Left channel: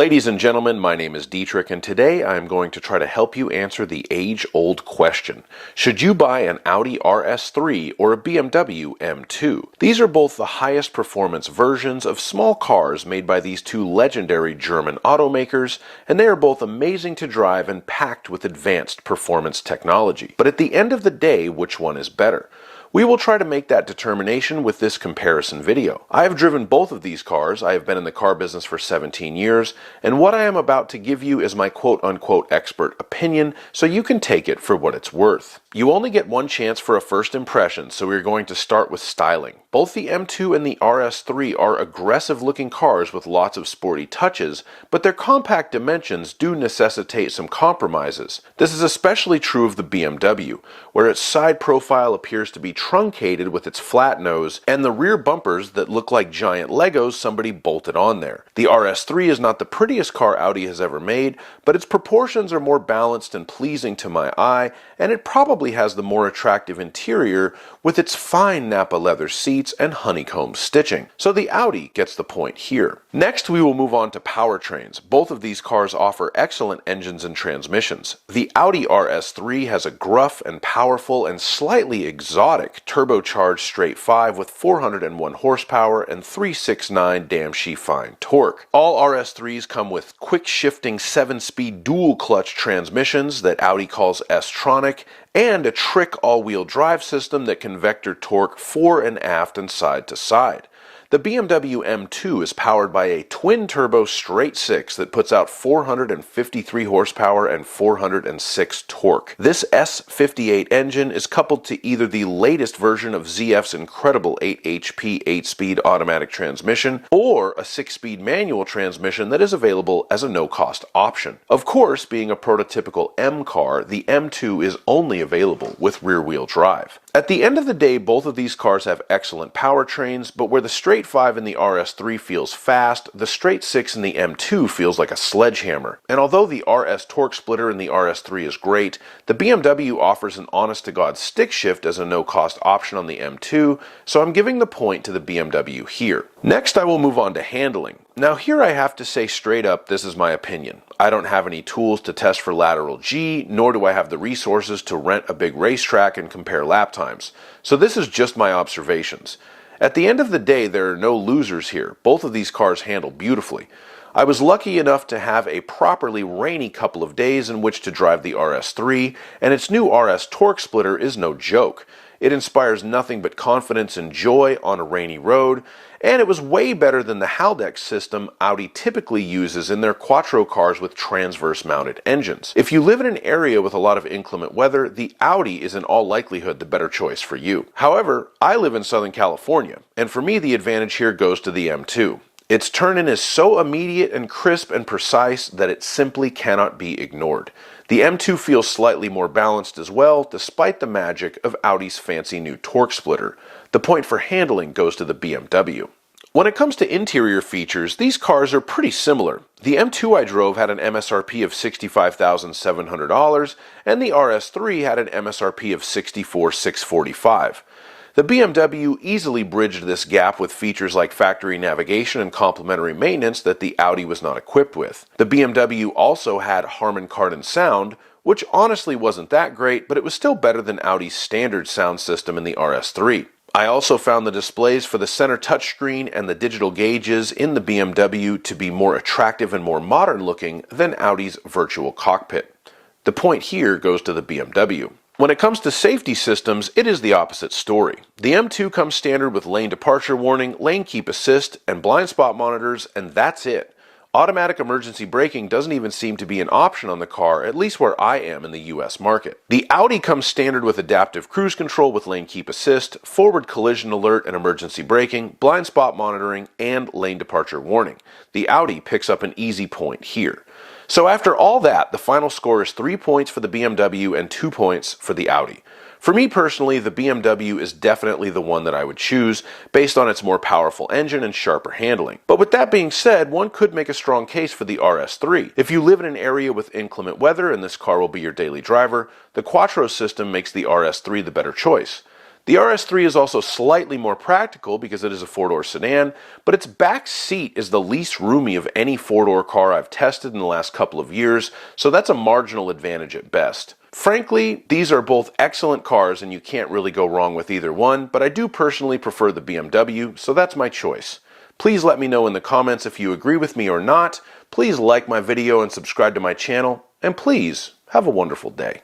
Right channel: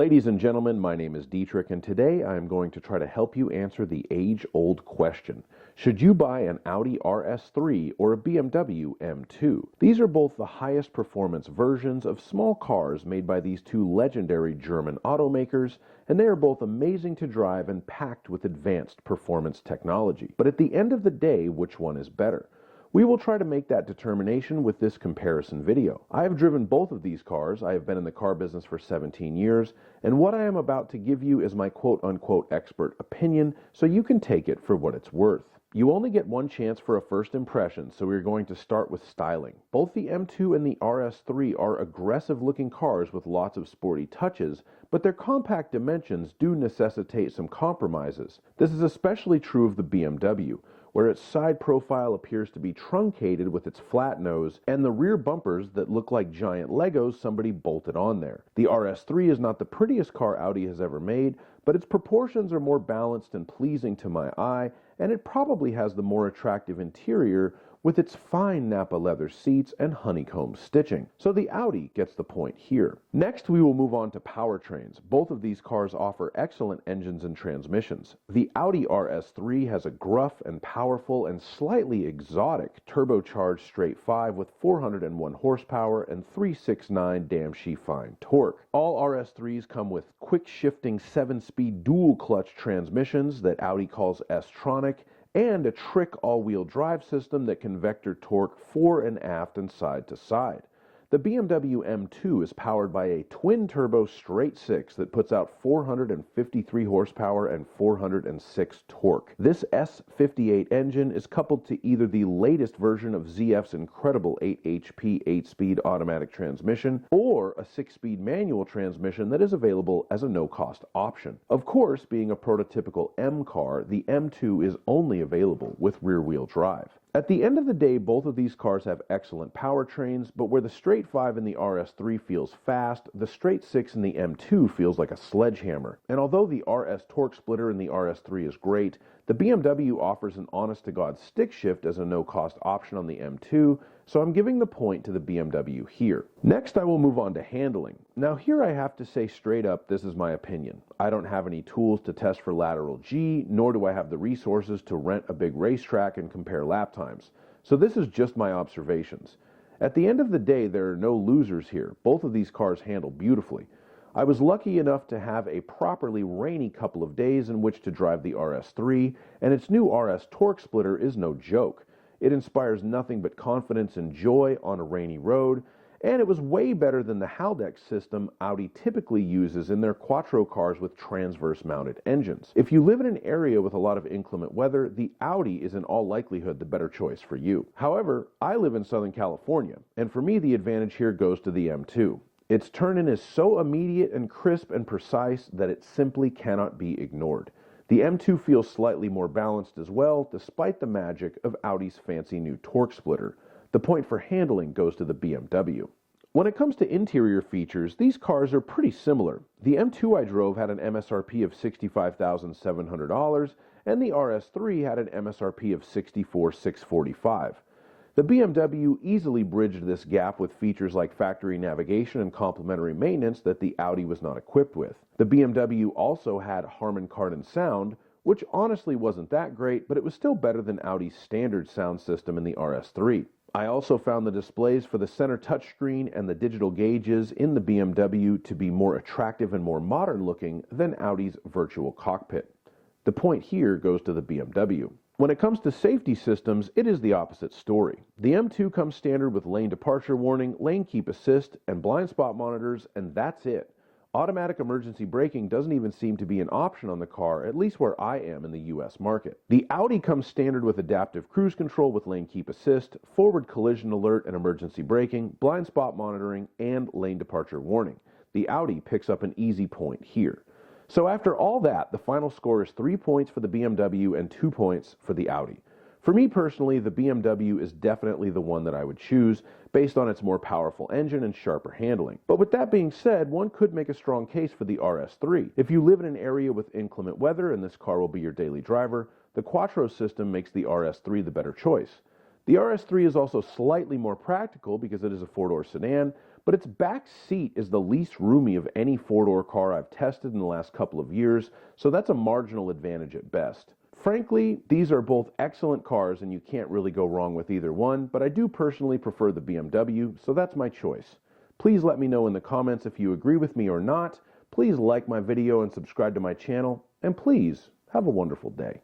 Ladies and gentlemen, my name is Dietrich, and today I am going to try to help you answer the age-old question. Should you buy an Audi RS3 or a BMW M2? These are both the highest performance versions of small cars made by these two legendary German automakers, and they are both amazing to drive and packed with advanced performance technology. But at the end of the day, which one is better? We will try to make that determination with this comparison video. I have driven both of these cars. I have been in the car business for 17 years, and what I am about to give you is my quote-unquote expert opinion, so you can take it for what it's worth. You only get one chance for a first impression, so we're going to start with styling. Both the M2 and the RS3 are aggressive-looking cars with lots of sporty touches, but their compact dimensions do necessitate some compromises. This is especially true of the BMW, where its side profile appears to be truncated with its flat nose, and the rear bumpers that look like giant Legos somebody bolted on there. The RS3 is not the prettiest car Audi has ever made, but its proportions are more balanced and pleasing to my eye, and it probably has the more attractive interior with its fine Nappa leather seats and honeycomb stitching. So the Audi gets the point here. Next, we will move on to powertrains. Both of these cars offer excellent engines and transmissions. The Audi RS3 has a gruff and powerful and slightly exotic turbocharged straight 5 with 401 horsepower and 369 damn-she-fine torque. All RS3s come with quick-shifting 7-speed dual-clutch transmissions that Audi calls S-tronic, and a trick all-wheel drive system that can vector torque fore and aft and side to side. The BMW M2 is powered by a twin-turbo straight 6 that puts out 453 horsepower and 406 torque. This S58 engine is coupled to either the latest version of ZF's incredible 8 HP 8-speed automatic transmission or a 6-speed manual transmission that is available as a no-cost option. Of course, being a prototypical M car, the M2 is only available with rear-wheel drive. At the end of the day, both of these cars have excellent powertrains, but where the straight 5 in the RS3 feels fast, the straight 6 in the M2 feels like a sledgehammer. And although the RS torque splitter in the RS3 is great, the BMW offers an honest-to-God stick shift as a no-cost option on the M2, so I'm giving the point to the BMW here. Next, I will move on to handling. Now here I have to say straight up, this is my opinion. I don't have any tools to test for lateral G, nor do I have the resources to rent a big racetrack and compare lap times. So this is just my observations. At the end of the day, there are no losers here. Both of these cars handle beautifully. I was lucky enough to have a properly rainy couple of days in which to drive the RS3, and its new RS torque splitter is no joke. It inspires nothing but confidence and joy on a rainy road, and it was way better than the Haldex system Audi typically uses in their quattro cars with transverse-mounted engines. If you live in an area with a lot of inclement weather, the Audi is in all likelihood the better choice for you. However, I live in Southern California, and for me the advantage here goes to the M2. Its turn-in is so immediate and crisp and precise that it simply cannot be ignored. The M2 feels slightly more balanced as well, despite the magic of Audi's fancy new torque splitter. The point for handling goes to the BMW. When it comes to interior features, these cars are pretty similar. The M2 I drove had an MSRP of $65,700, and the RS3 had an MSRP of $64,645. The BMW easily bridged this gap with features like factory navigation and complementary maintenance that the Audi was not equipped with. The BMW also had Harman Kardon sound, which honestly wasn't that great, but it was still better than Audi's standard sound system in the RS3. I also found the displays for the center touchscreen and the digital gauges in the BMW to be more attractive and more modern looking than Audi's virtual cockpit. The point here goes to the BMW. When it comes to safety systems, it is the opposite story. The M2 comes standard with lane departure warning, lane keep assist, and blind spot monitors, and that's it. Automatic emergency braking doesn't even seem to be an option on the car, at least where I am in the US market. The Audi comes standard with adaptive cruise control with lane keep assist, forward collision alert and emergency braking, blind spot monitoring, and lane departure warning. The Audi picks up an easy point here. So after all that, the final score is 3 points for the BMW and 2 points for the Audi. For me personally, the BMW is definitely the one that I would choose based on its more powerful engine and sharper handling. But with that being said, one could make a strong case for the RS3. If you live in an area with inclement weather and this car will be your daily driver, the quattro system makes the RS3 the better choice. The RS3 is also slightly more practical because it is a four-door sedan, but its back seat is the least roomy of any four-door car I've tested in the last couple of years, so that's a marginal advantage at best. Frankly, these are both excellent cars and you can't really go wrong with either one, but I do personally prefer the BMW, so that's my choice. Please let me know in the comments if you agree with me or not. Please like my video and subscribe to my channel, and please have a wonderful day.